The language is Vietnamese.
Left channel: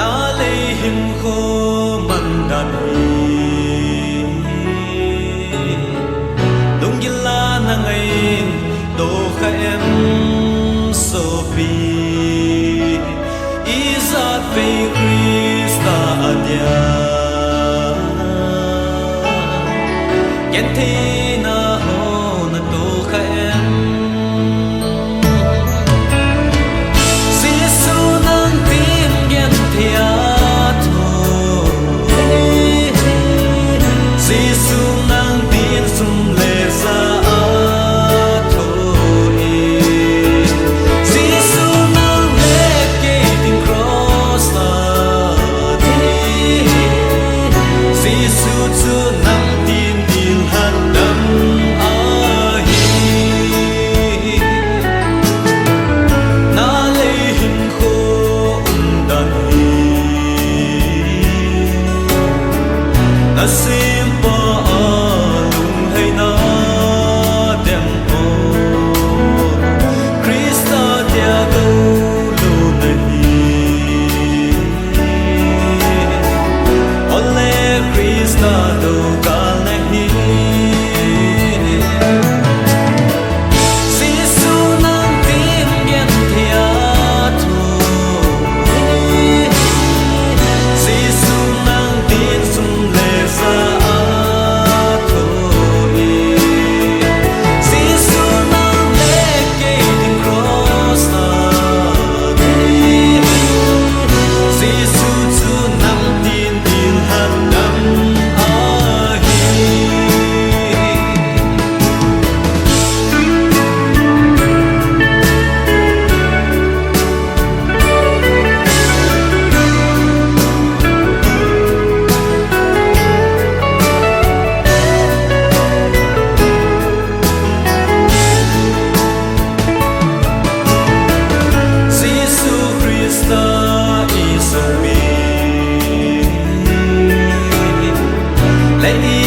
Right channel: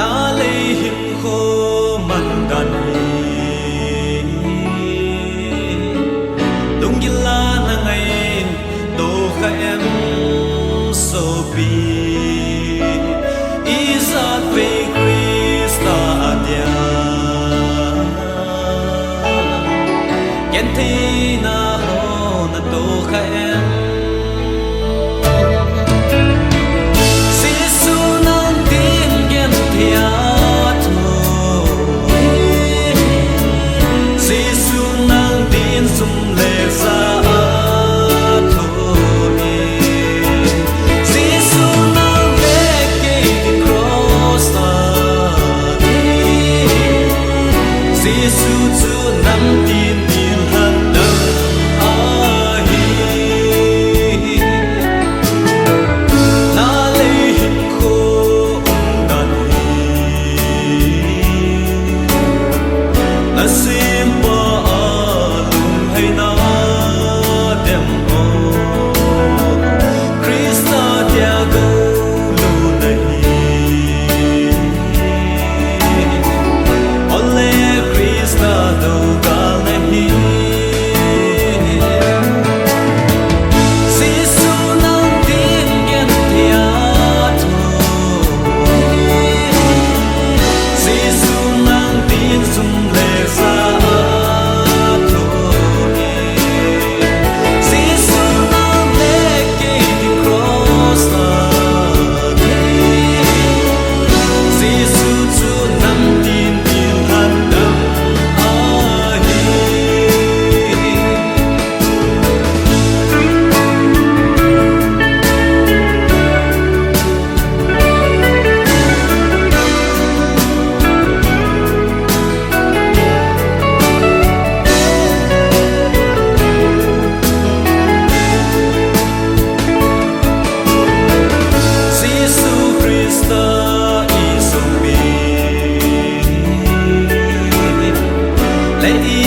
na lấy hình khô man đàn hi lung gila na ngay tô kha em so pi izat ve Krista adia ken thi na ho na tô kha em thia thô Giêsu nang tin sum lệ ra thô Giêsu nang lệ kê tin cross đi Giêsu chu nắm tin tin hạt đâm na lấy hình khô na simpa lung hay na dem o Krista tia go lu nahi ole Krista do gal nahi Giêsu nang tin gen thia tho Giêsu nang tin sum le sa thô Giêsu nang lệ kê tin cross đi Giêsu chu nắm tin tin hạt đâm lệ